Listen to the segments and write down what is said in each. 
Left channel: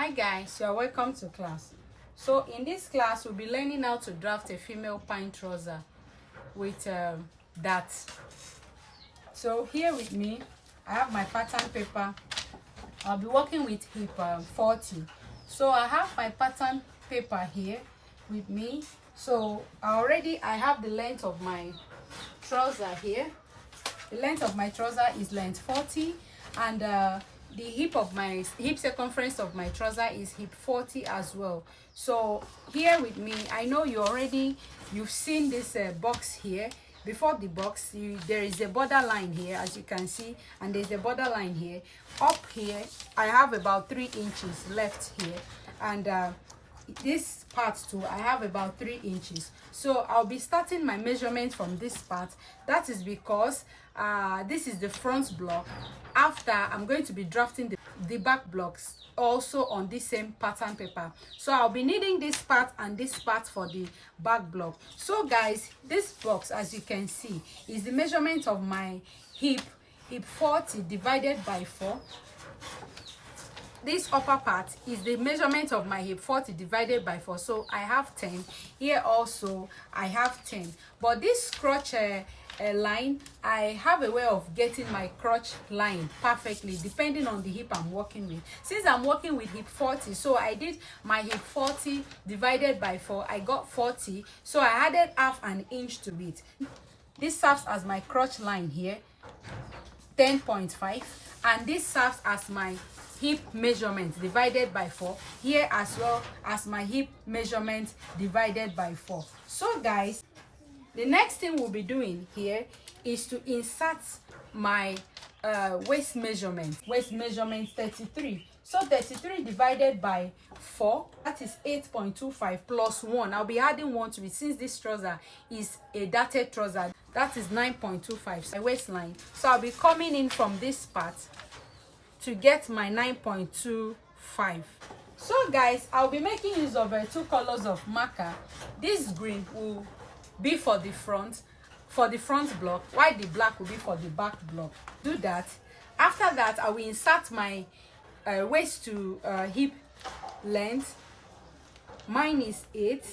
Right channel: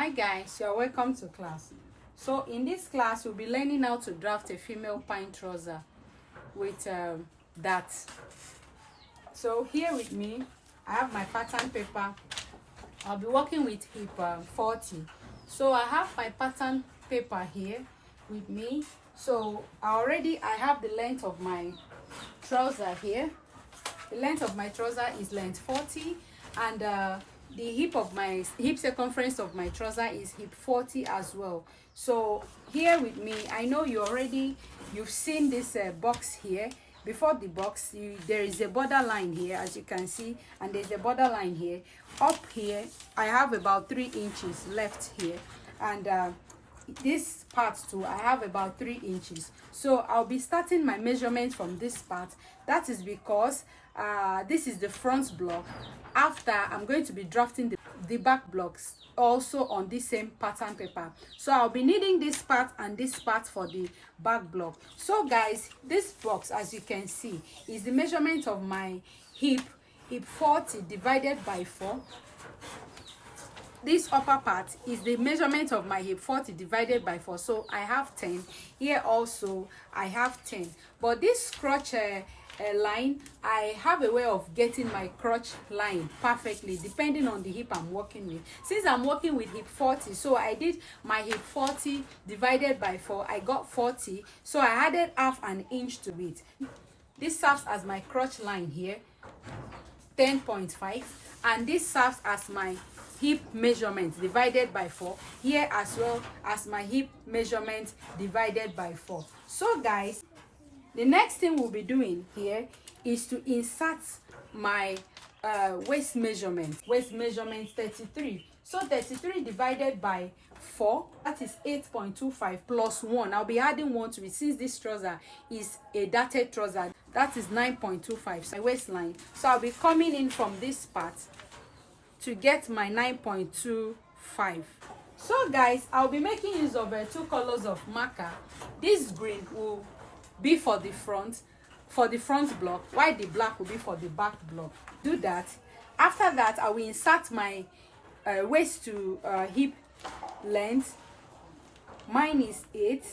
Hi guys, you're welcome to class. So in this class we'll be learning how to draft a female pant trouser with that. So here with me I have my pattern paper. I'll be working with hip 40. So I have my pattern paper here with me. So I have the length of my trouser here. The length of my trouser is length 40, and the hip circumference of my trouser is hip 40 as well. So here with me, I know you've seen this box here. Before the box, there is a border line here, as you can see, and there's a border line here. Up here I have about 3 inches left here, and this part too I have about 3 inches. So I'll be starting my measurement from this part. That is because this is the front block. After, I'm going to be drafting the back blocks also on this same pattern paper. So I'll be needing this part and this part for the back block. So guys, this box, as you can see, is the measurement of my hip 40 divided by 4. This upper part is the measurement of my hip 40 divided by 4. So I have 10 here. Also I have 10, but this crotch line, I have a way of getting my crotch line perfectly depending on the hip I'm working with. Since I'm working with hip 40, so I did my hip 40 divided by 4. I got 40, so I added half an inch to it. This serves as my crotch line here, 10.5, and this serves as my hip measurement divided by 4 here, as well as my hip measurement divided by 4. So guys, the next thing we'll be doing here is to insert my waist measurement 33. So 33 divided by 4, that is 8.25 plus 1. I'll be adding 1 to it since this trouser is a darted trouser. That is 9.25, so my waistline. So I'll be coming in from this part to get my 9.25. So guys, I'll be making use of 2 colors of marker. This green will be for the front block, while the black will be for the back block. Do that. After that, I will insert my waist to hip length. Mine is 8.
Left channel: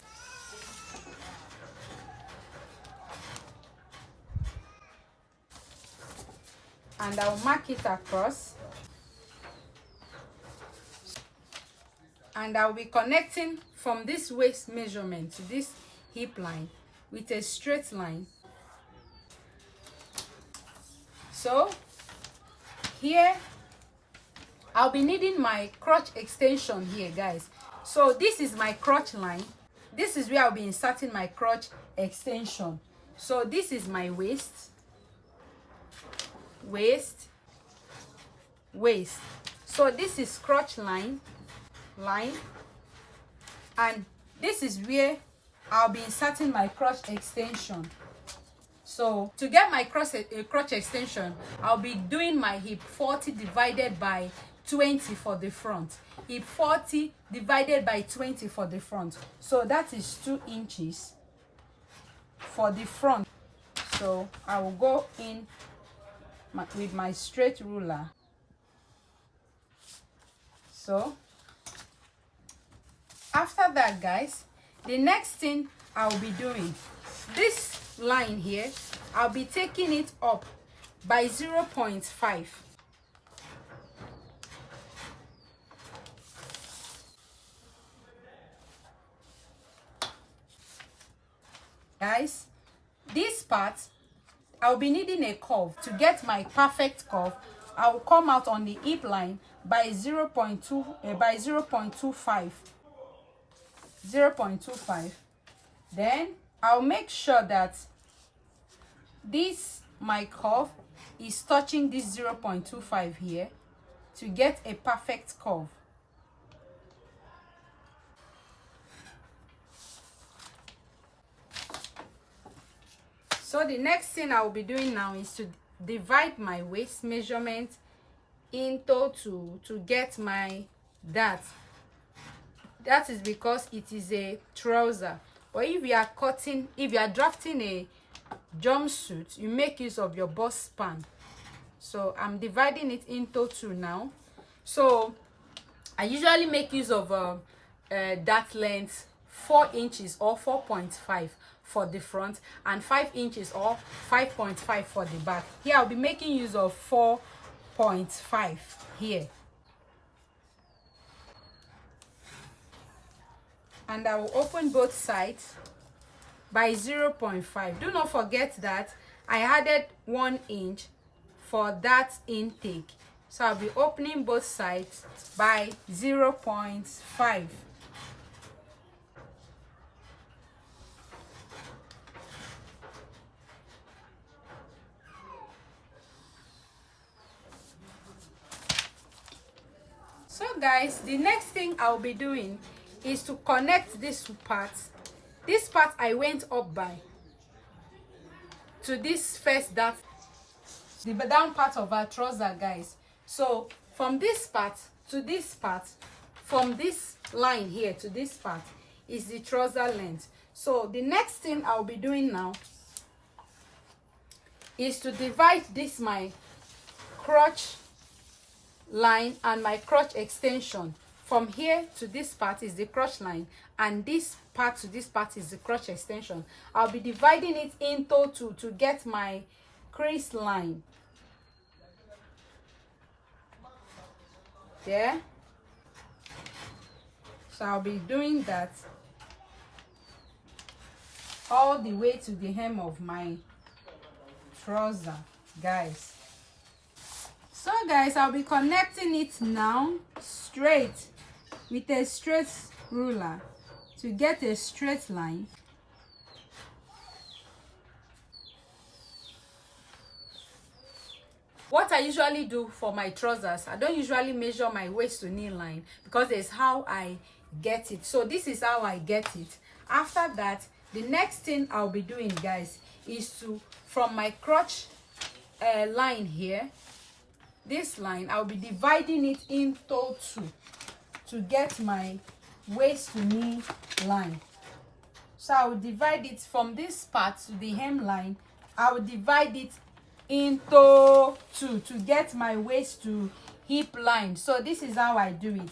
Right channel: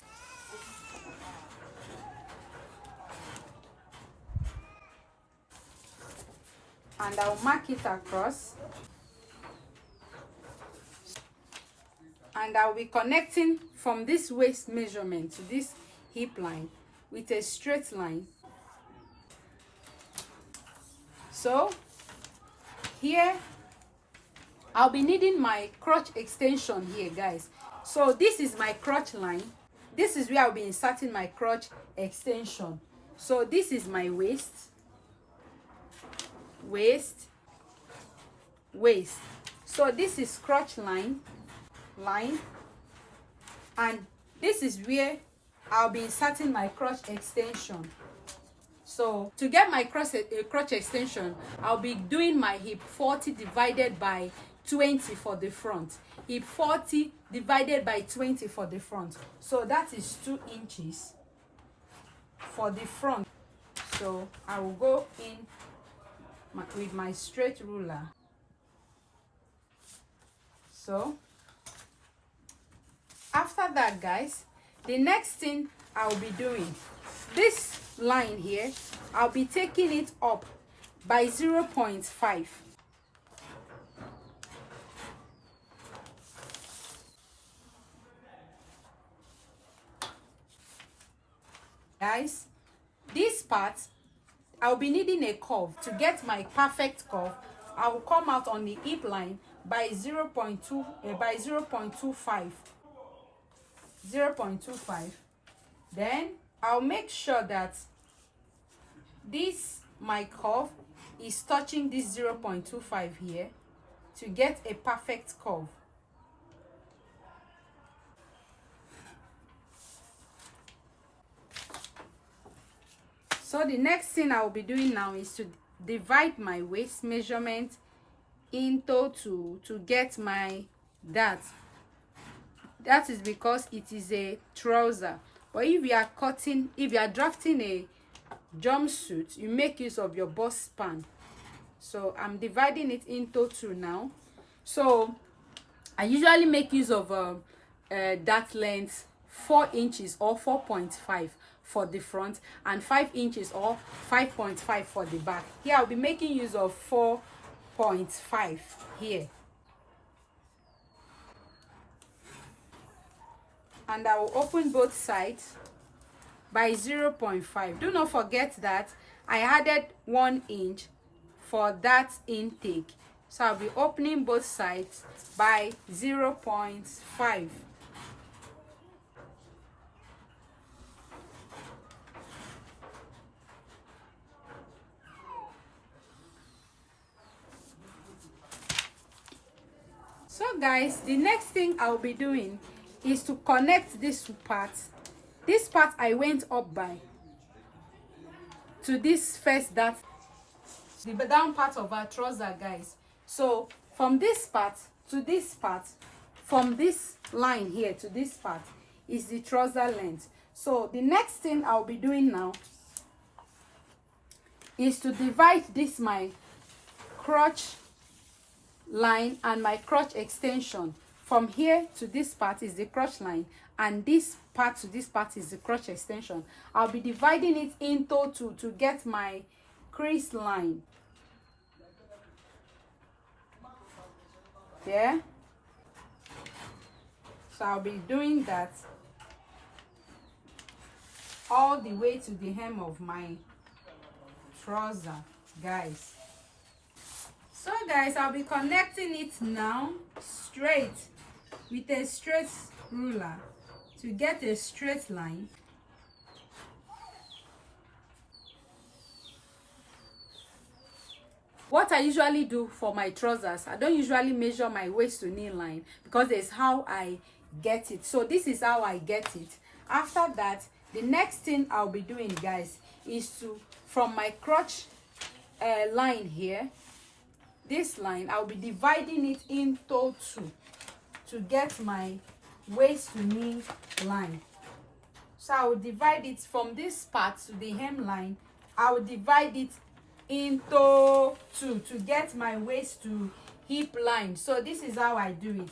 And I'll mark it across. And I'll be connecting from this waist measurement to this hip line with a straight line. So here I'll be needing my crotch extension here, guys. So this is my crotch line. This is where I'll be inserting my crotch extension. So this is my waist. So this is crotch line, and this is where I'll be inserting my crotch extension. So to get my crotch extension, I'll be doing my hip 40 divided by 20 for the front. Hip 40 divided by 20 for the front. So that is 2 inches for the front. So I will go in with my straight ruler. So after that, guys, the next thing I'll be doing, this line here, I'll be taking it up by 0.5. Guys, this part, I'll be needing a curve. To get my perfect curve, I'll come out on the hip line by 0.25. Then I'll make sure that my curve is touching this 0.25 here to get a perfect curve. So the next thing I'll be doing now is to divide my waist measurement into 2 to get my that is because it is a trouser. But if you are drafting a jumpsuit, you make use of your bust span. So I'm dividing it into 2 now. So I usually make use of that length 4 inches or 4.5 for the front and 5 inches or 5.5 for the back. Here I'll be making use of 4.5 here. And I will open both sides by 0.5. Do not forget that I added 1 inch for that intake. So I'll be opening both sides by 0.5. So guys, the next thing I'll be doing is to connect this part. This part I went up by to this first, that the down part of our trouser, guys. So from this part to this part, from this line here to this part is the trouser length. So the next thing I'll be doing now is to divide this my crotch line and my crotch extension. From here to this part is the crotch line, and this part to this part is the crotch extension. I'll be dividing it into two to get my crease line. There. So I'll be doing that all the way to the hem of my trouser, guys. So guys, I'll be connecting it now straight with a straight ruler to get a straight line. What I usually do for my trousers, I don't usually measure my waist to knee line because there's how I get it. So this is how I get it. After that, the next thing I'll be doing, guys, is to, from my crotch line here, this line, I'll be dividing it into two to get my waist to knee line. So I will divide it from this part to the hem line. I will divide it into two to get my waist to hip line. So this is how I do it.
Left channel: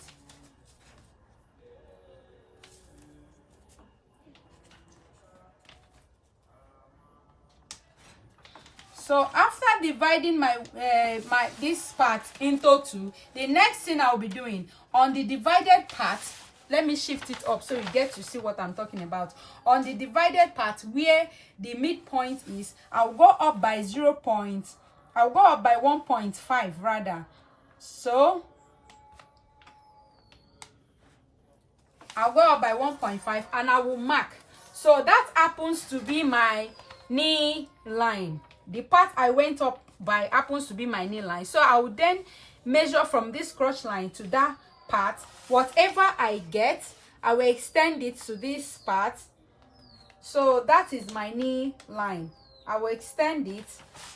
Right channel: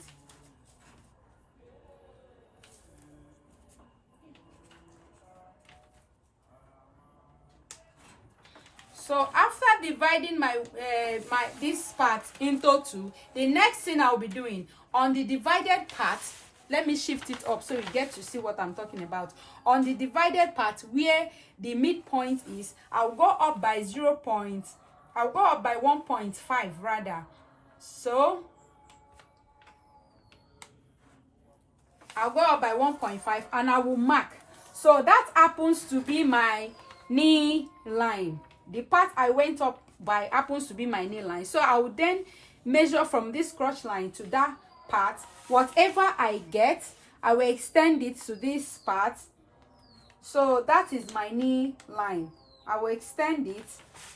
So after dividing my this part into two, the next thing I'll be doing on the divided part, let me shift it up so you get to see what I'm talking about. On the divided part where the midpoint is, I'll go up by 1.5 rather. So I'll go up by 1.5 and I will mark. So that happens to be my knee line. The part I went up by happens to be my knee line. So I will then measure from this crotch line to that part. Whatever I get, I will extend it to this part. So that is my knee line. I will extend it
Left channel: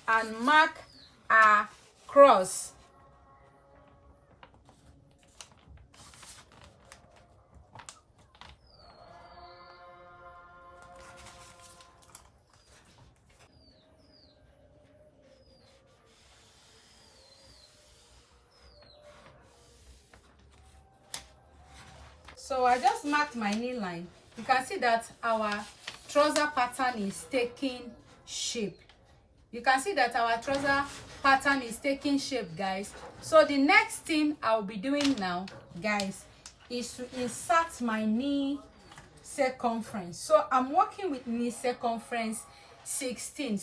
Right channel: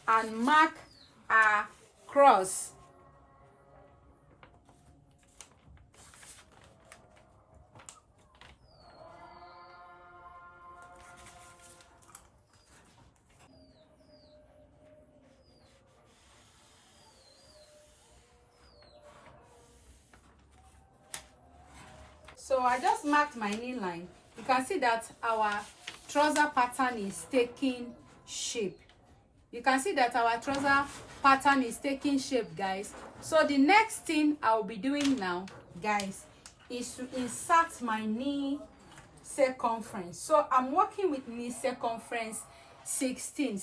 and mark across. So I just marked my knee line. You can see that our trouser pattern is taking shape. You can see that our trouser pattern is taking shape, guys. So the next thing I'll be doing now, guys, is to insert my knee circumference. So I'm working with knee circumference 16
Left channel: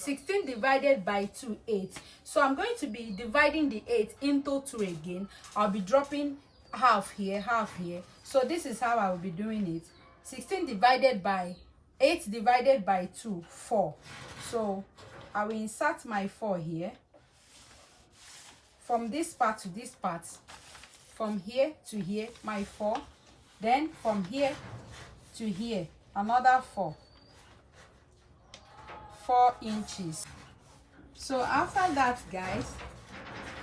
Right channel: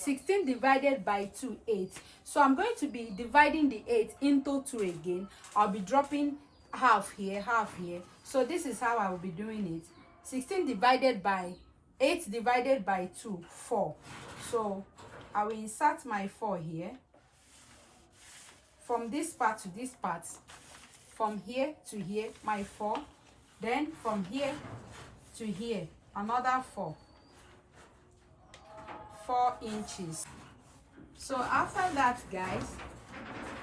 divided by 2, 8. So I'm going to be dividing the 8 into 2 again. I'll be dropping half here, half here. So this is how I will be doing it. 16 divided by 8 divided by 2, 4. So I will insert my 4 here. From this part to this part. From here to here, my 4. Then from here to here, another 4. 4 inches. So after that, guys,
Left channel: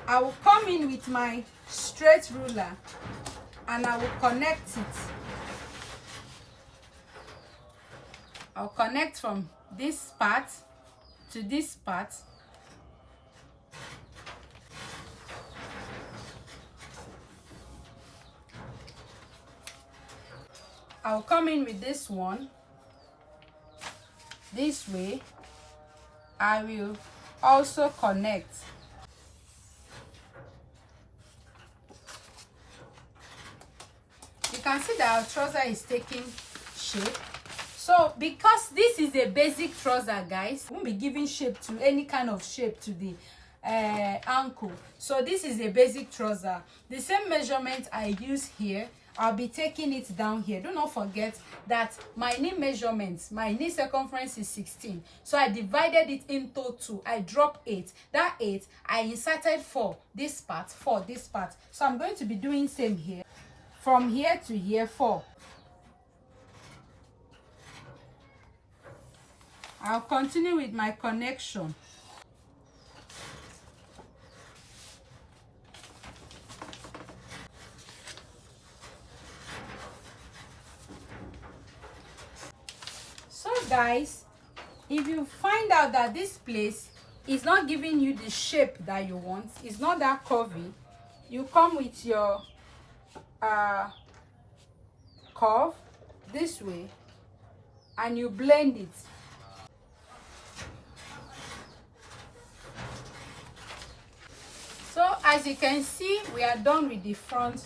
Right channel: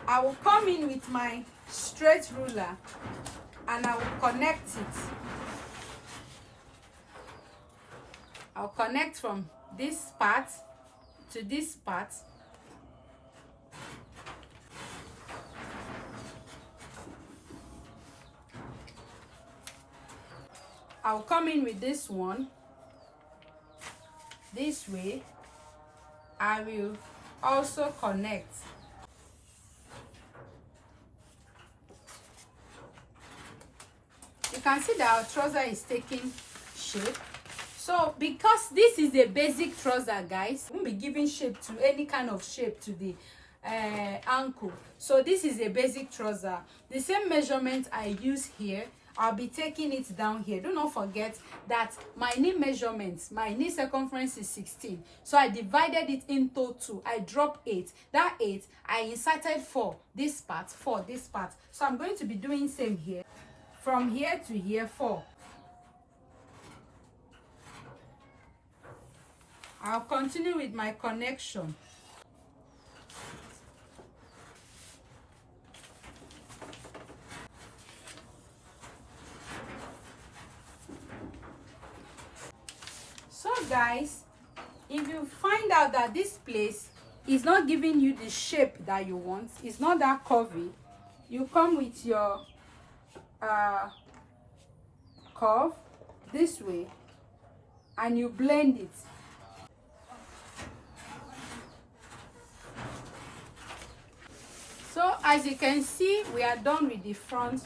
I will come in with my straight ruler and I will connect it. I'll connect from this part to this part. I'll come in with this one this way. I will also connect. You can see that our trouser is taking shape. So because this is a basic trouser, guys, we won't be giving shape to any kind of shape to the ankle. So this is a basic trouser. The same measurement I use here, I'll be taking it down here. Do not forget that my knee measurements, my knee circumference is 16. So I divided it into 2. I dropped 8. That 8, I inserted 4 this part, 4 this part. So I'm going to be doing same here. From here to here, 4. I'll continue with my connection. So guys, if you find out that this place is not giving you the shape that you want, it's not that curvy, you come with your curve this way and you blend it. So as you can see, we are done with the front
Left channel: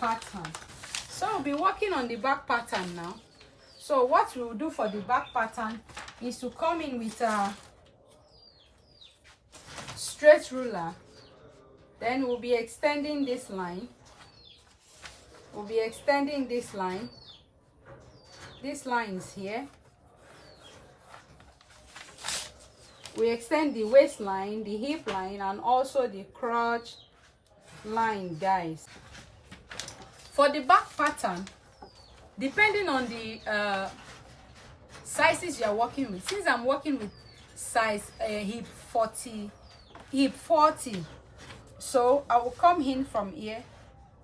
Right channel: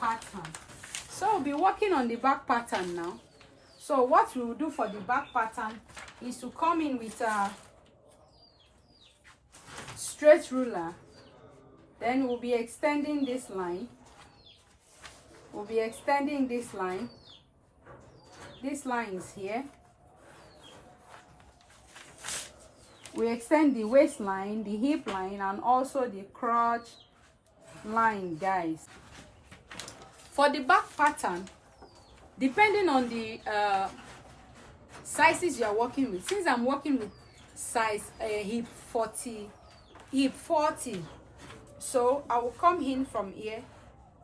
pattern. So we'll be working on the back pattern now. So what we will do for the back pattern is to come in with a straight ruler. Then we'll be extending this line. We'll be extending this line. This line is here. We extend the waistline, the hip line, and also the crotch line, guys. For the back pattern, depending on the sizes you are working with, since I'm working with size hip 40, so I will come in from here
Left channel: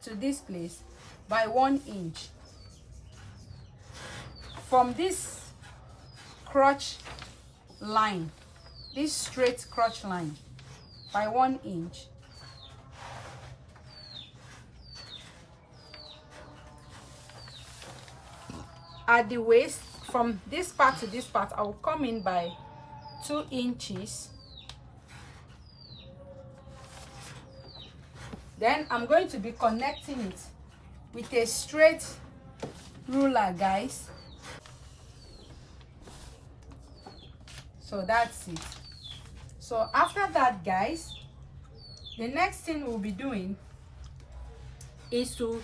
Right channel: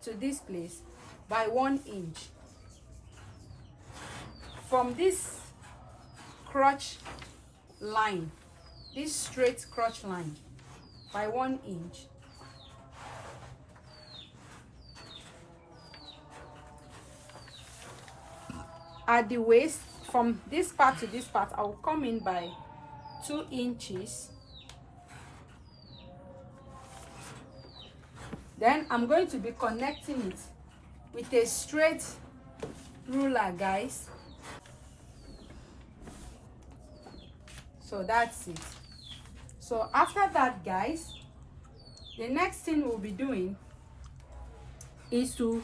to this place by 1 inch. From this crotch line, this straight crotch line, by 1 inch. At the waist, from this part to this part, I will come in by 2 inches. Then I'm going to be connecting it with a straight ruler, guys. So that's it. So after that, guys, the next thing we'll be doing is to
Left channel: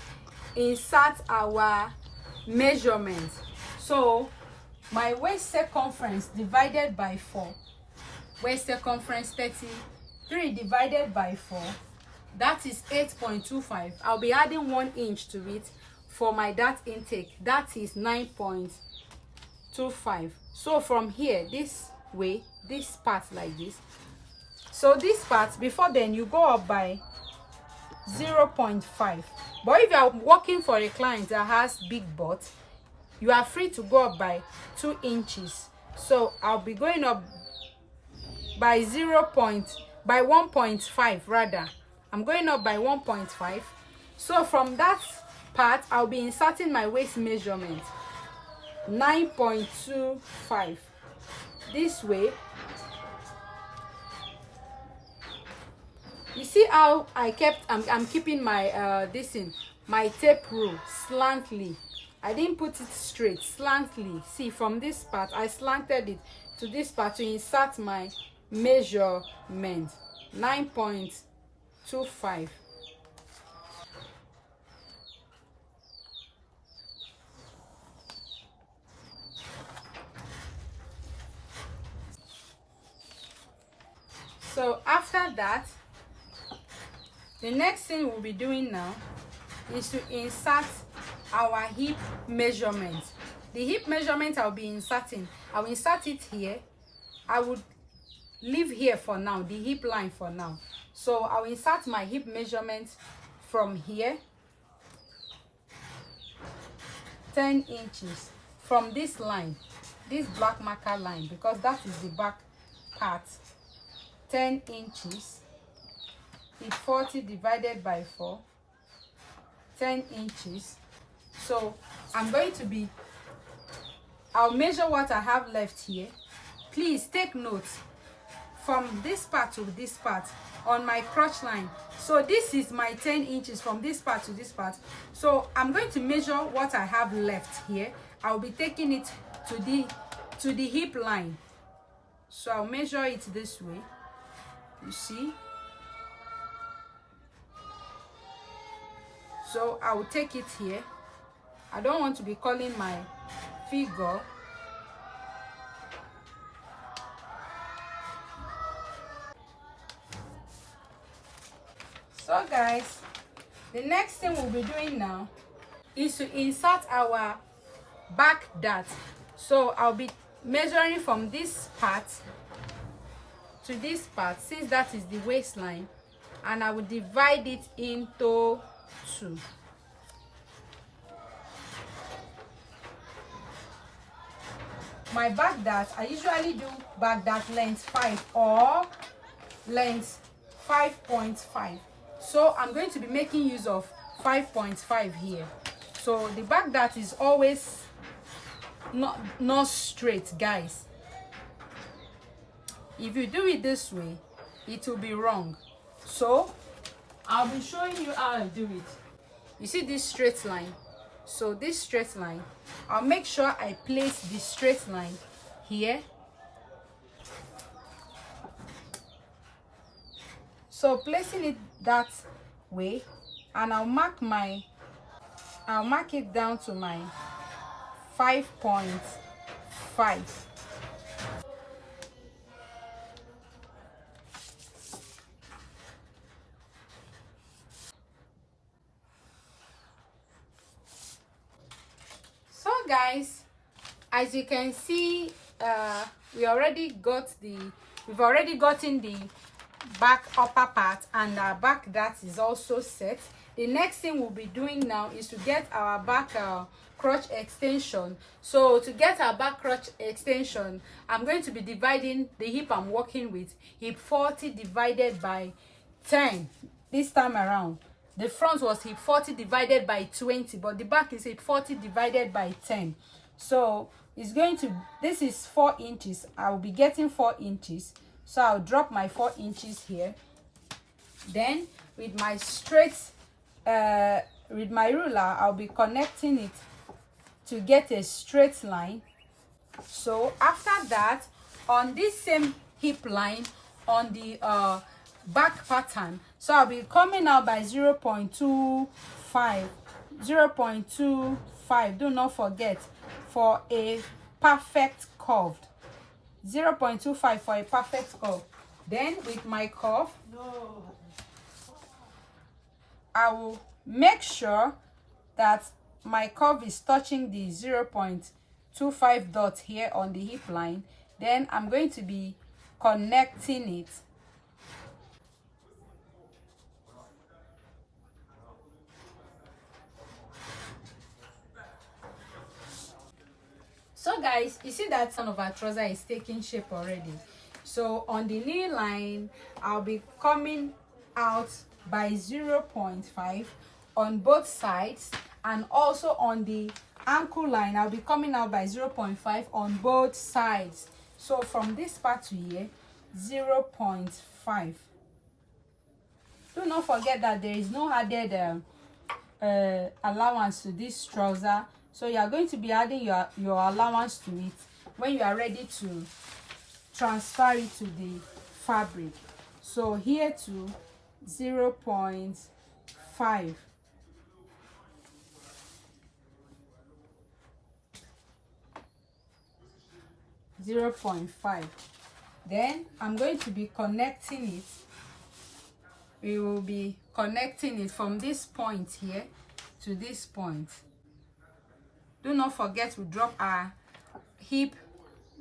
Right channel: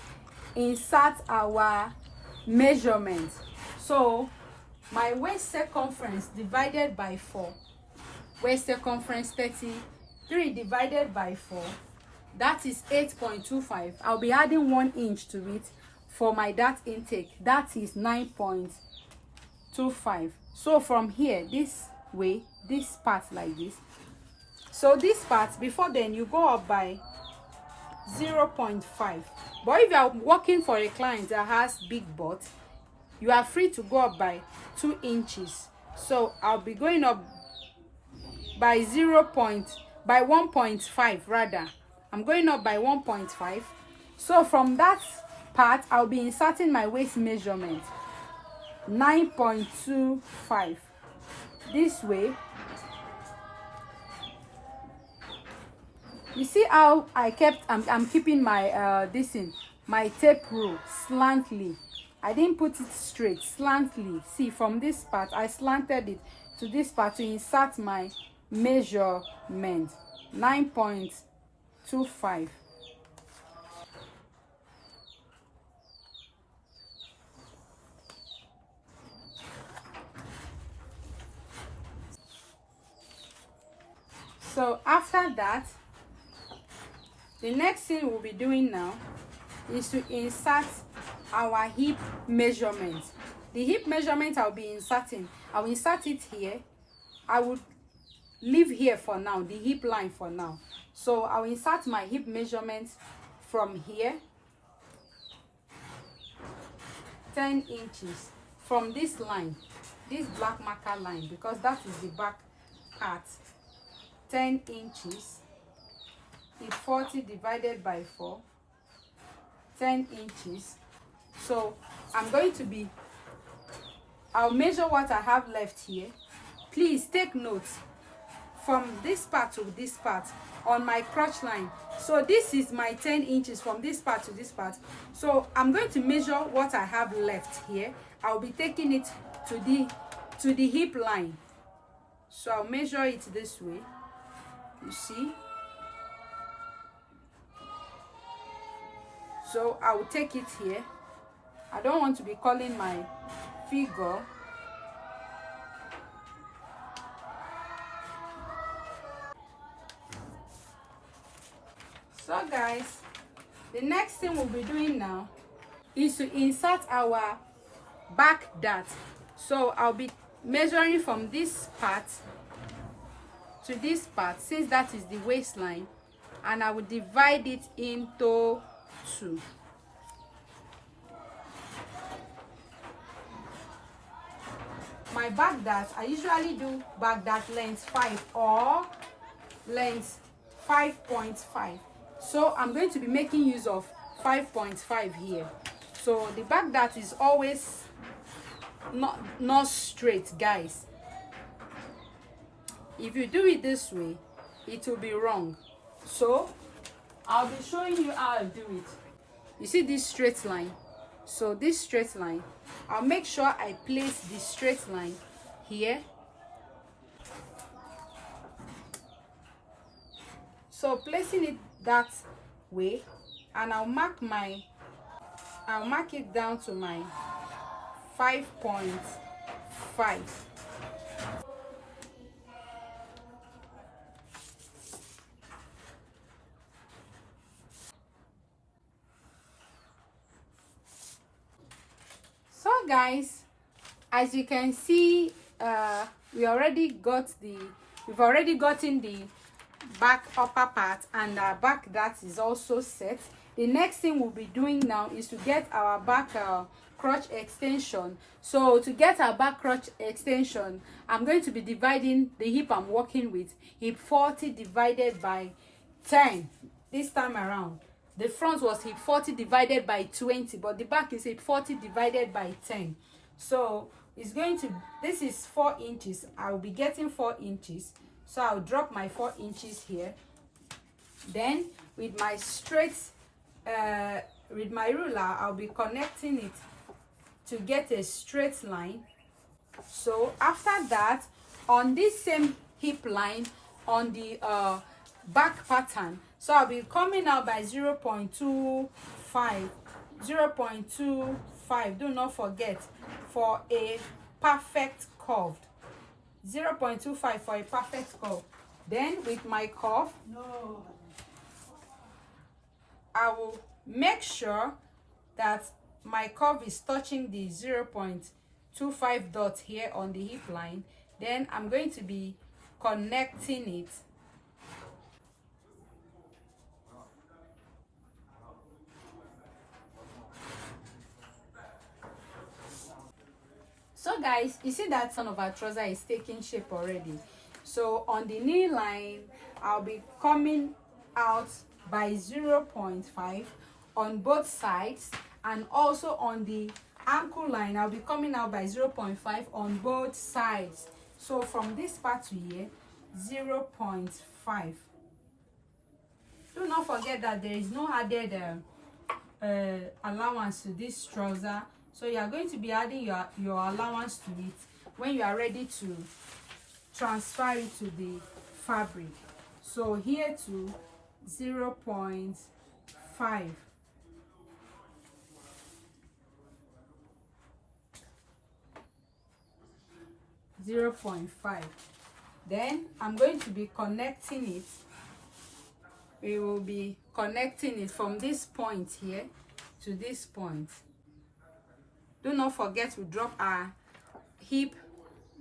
insert our measurement. So my waist circumference divided by 4, waist circumference 33 divided by 4, that is 8.25. I'll be adding 1 inch to it for my dart intake. That is 9.25. So from here, this way, this part like this. So this part, before then, you go up by 0.5. But if you are working for a client that has big butt, you are free to go up by 2 inches. So I'll be going up by 1.5 rather. I'm going up by 1.5. So from that part, I'll be inserting my waist measurement, 9.25. This way. You see how I'm keeping my my tape rule slantly. I didn't put it straight, slantly. See, from this part I slanted it to this part to insert my measurement, 9.25. So after that, the next thing we'll be doing now is to insert our hip measurement. The hip measurement I'll be inserting, I'll insert it here. I would leave here for now, the hip line for now. So I'll insert my hip measurement from here, 10 inches, from this line, this black marker line, because that is the back part. 10 inches, hip 40 divided by 4, 10 inches. So I'm going to be, I'll measure what I have left here. Please take notes from this part to this part on my crotch line. So this is my 10 inches from this part to this part. So I'm going to measure what I have left here. I'll be taking it to the hip line. So I'll measure it this way. You see? So I will take it here. I don't want to be calling my figure. So guys, the next thing we'll be doing now is to insert our back dart. So I'll be measuring from this part to this part, since that is the waistline, and I will divide it into 2. My back dart, I usually do back dart length 5 or length 5.5. So I'm going to be making use of 5.5 here. So the back dart is always not straight, guys. If you do it this way, it will be wrong. So I'll be showing you how I do it. You see this straight line? So this straight line, I'll make sure I place the straight line here. So placing it that way, and I'll mark it down to my 5.5. So guys, as you can see, we've already gotten the back upper part, and our back dart is also set. The next thing we'll be doing now is to get our back crotch extension. So to get our back crotch extension, I'm going to be dividing the hip I'm working with, hip 40 divided by 10 this time around. The front was hip 40 divided by 20, but the back is hip 40 divided by 10. So it's going to, this is 4 inches. I will be getting 4 inches. So I'll drop my 4 inches here. Then with my straight, with my ruler, I'll be connecting it to get a straight line. So after that, on this same hip line, on the back pattern, so I'll be coming out by 0.25. 0.25, do not forget, for a perfect curve. 0.25 for a perfect curve. Then with my curve, I will make sure that my curve is touching the 0.25 dot here on the hip line. Then I'm going to be connecting it. So guys, you see that some of our trouser is taking shape already. So on the knee line, I'll be coming out by 0.5 on both sides, and also on the ankle line, I'll be coming out by 0.5 on both sides. So from this part to here, 0.5. Do not forget that there is no added allowance to this trouser. So you are going to be adding your allowance to it when you are ready to transfer it to the fabric. So here to 0.5. Then I'm going to be connecting it. We will be connecting it from this point here to this point. Do not forget to drop our hip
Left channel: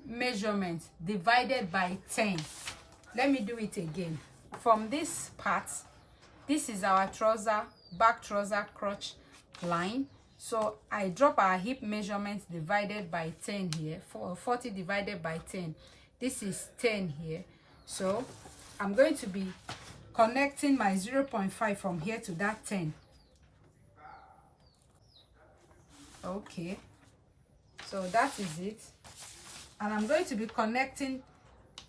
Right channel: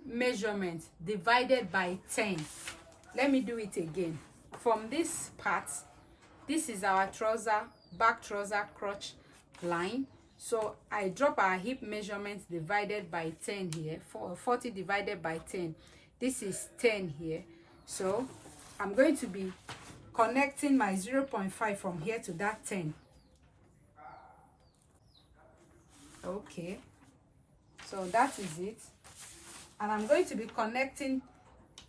measurement divided by 10. Let me do it again. From this part, this is our trouser, back trouser crotch line. So I drop our hip measurement divided by 10 here, 40 divided by 10. This is 10 here. So I'm going to be connecting my 0.5 from here to that 10. Okay, so that is it. And I'm going to be connecting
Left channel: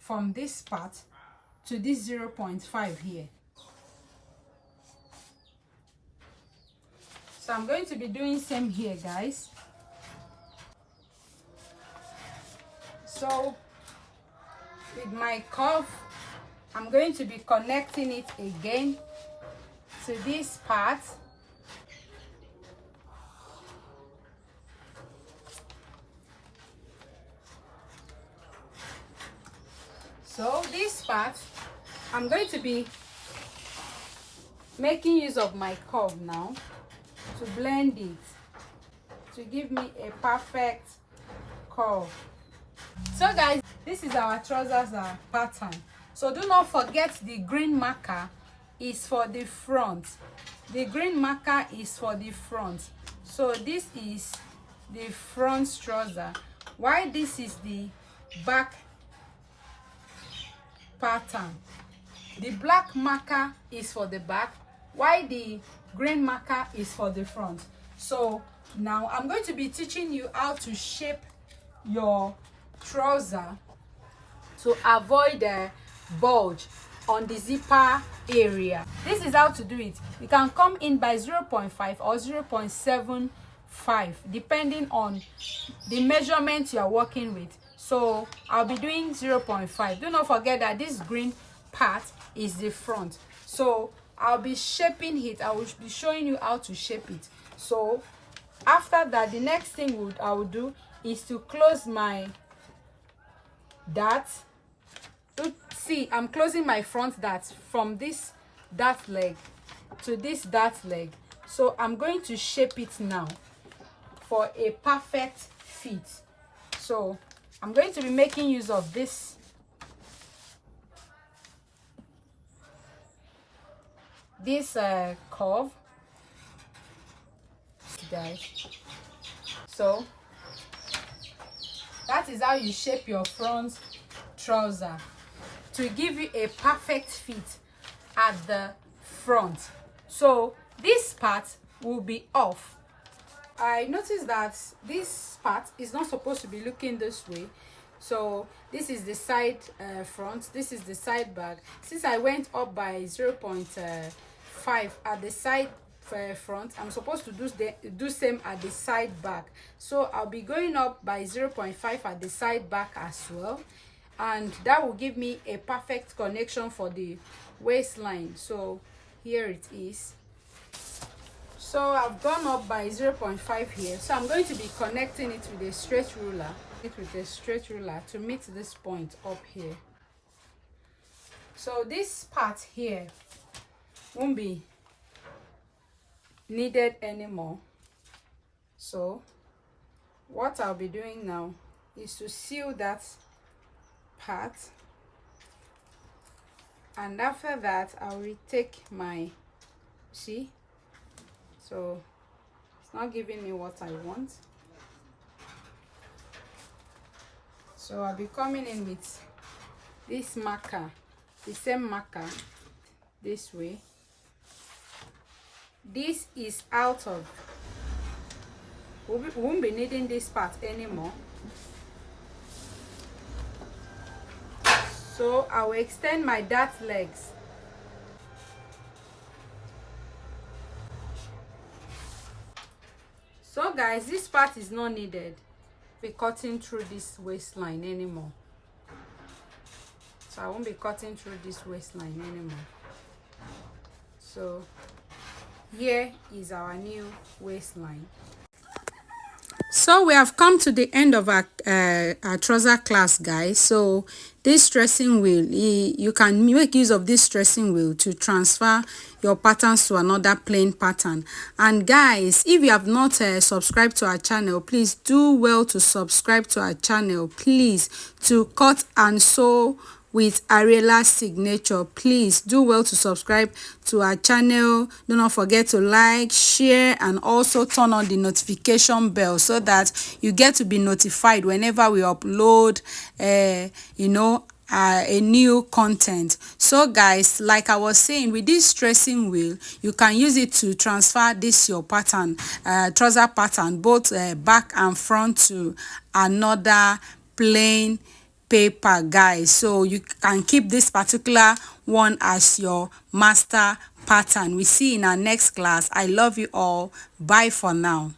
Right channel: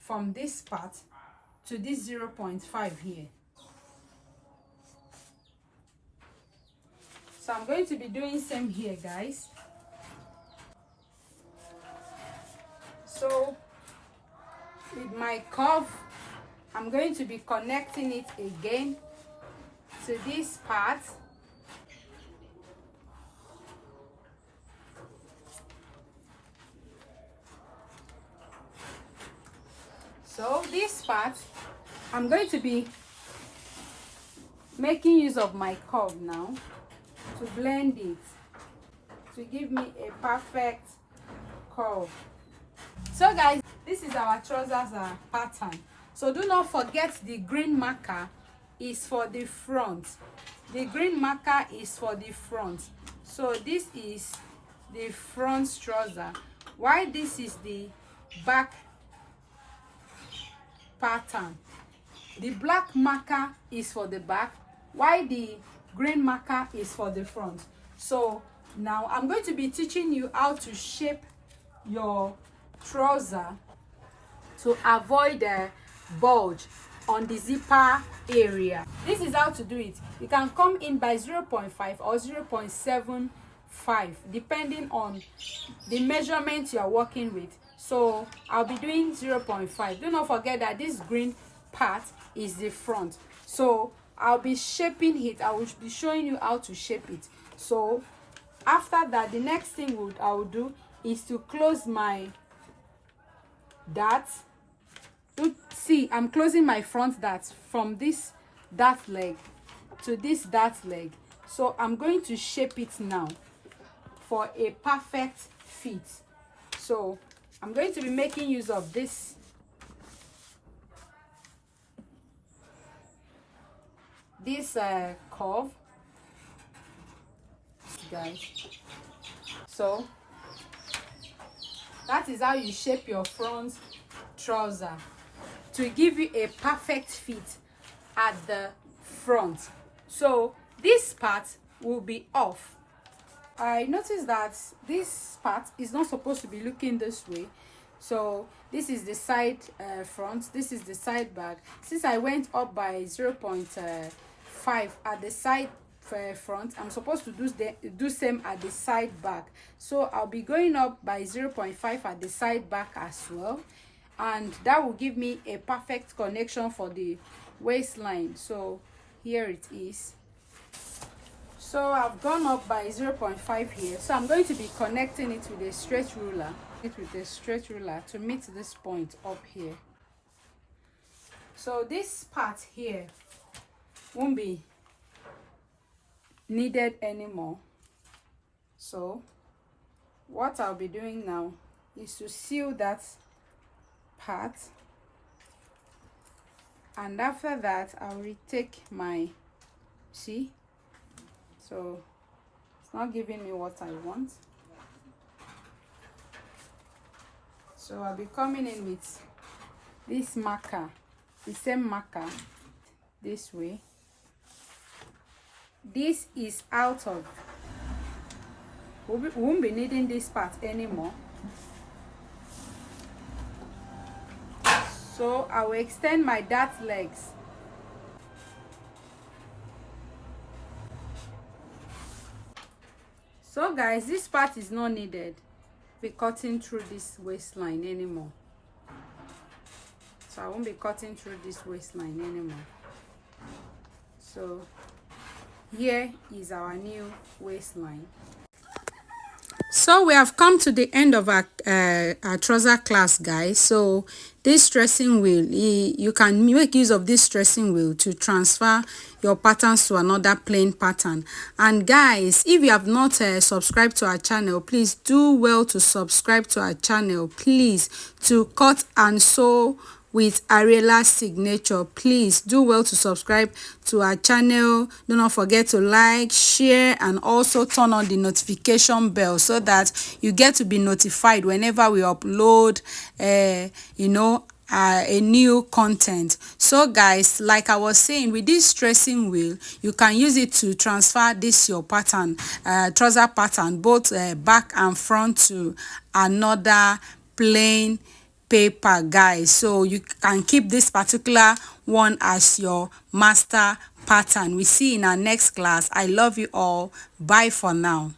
from this part to this 0.5 here. So I'm going to be doing same here, guys. So with my curve, I'm going to be connecting it again to this part. So this part, I'm going to be making use of my curve now to blend it, to give me a perfect curve. So guys, this is our trousers pattern. So do not forget the green marker is for the front. The green marker is for the front. So this is the front trouser, while this is the back pattern. The black marker is for the back, while the green marker is for the front. So now I'm going to be teaching you how to shape your trouser to avoid the bulge on the zipper area. This is how to do it. You can come in by 0.5 or 0.75 depending on the measurement you are working with. So I'll be doing 0.5. Do not forget that this green part is the front. So I'll be shaping it. I will be showing you how to shape it. So after that, the next thing I will do is to close my dart. See, I'm closing my front dart from this dart leg to this dart leg. So I'm going to shape it now for a perfect fit. So I'm going to be making use of this curve, guys. So that is how you shape your front trouser to give you a perfect fit at the front. So this part will be off. I noticed that this part is not supposed to be looking this way. So this is the side front, this is the side back. Since I went up by 0.5 at the side front, I'm supposed to do same at the side back. So I'll be going up by 0.5 at the side back as well, and that will give me a perfect connection for the waistline. So here it is. So I've gone up by 0.5 here. So I'm going to be connecting it with a straight ruler, to meet this point up here. So this part here won't be needed anymore. So what I'll be doing now is to seal that part, and after that I'll retake my, see, so it's not giving me what I want. So I'll be coming in with this marker, the same marker, this way. This is out of, we won't be needing this part anymore. So I will extend my dart legs. So guys, this part is not needed. Be cutting through this waistline anymore. So I won't be cutting through this waistline anymore. So here is our new waistline. So we have come to the end of our trouser class, guys. So this dressing wheel, you can make use of this dressing wheel to transfer your patterns to another plain pattern. And guys, if you have not subscribed to our channel, please do well to subscribe to our channel, please, to cut and sew with Ariela's signature. Please do well to subscribe to our channel. Do not forget to like, share, and also turn on the notification bell so that you get to be notified whenever we upload a new content. So guys, like I was saying, with this tracing wheel, you can use it to transfer this your pattern, trouser pattern, both back and front, to another plain paper, guys. So you can keep this particular one as your master pattern. We see in our next class. I love you all. Bye for now.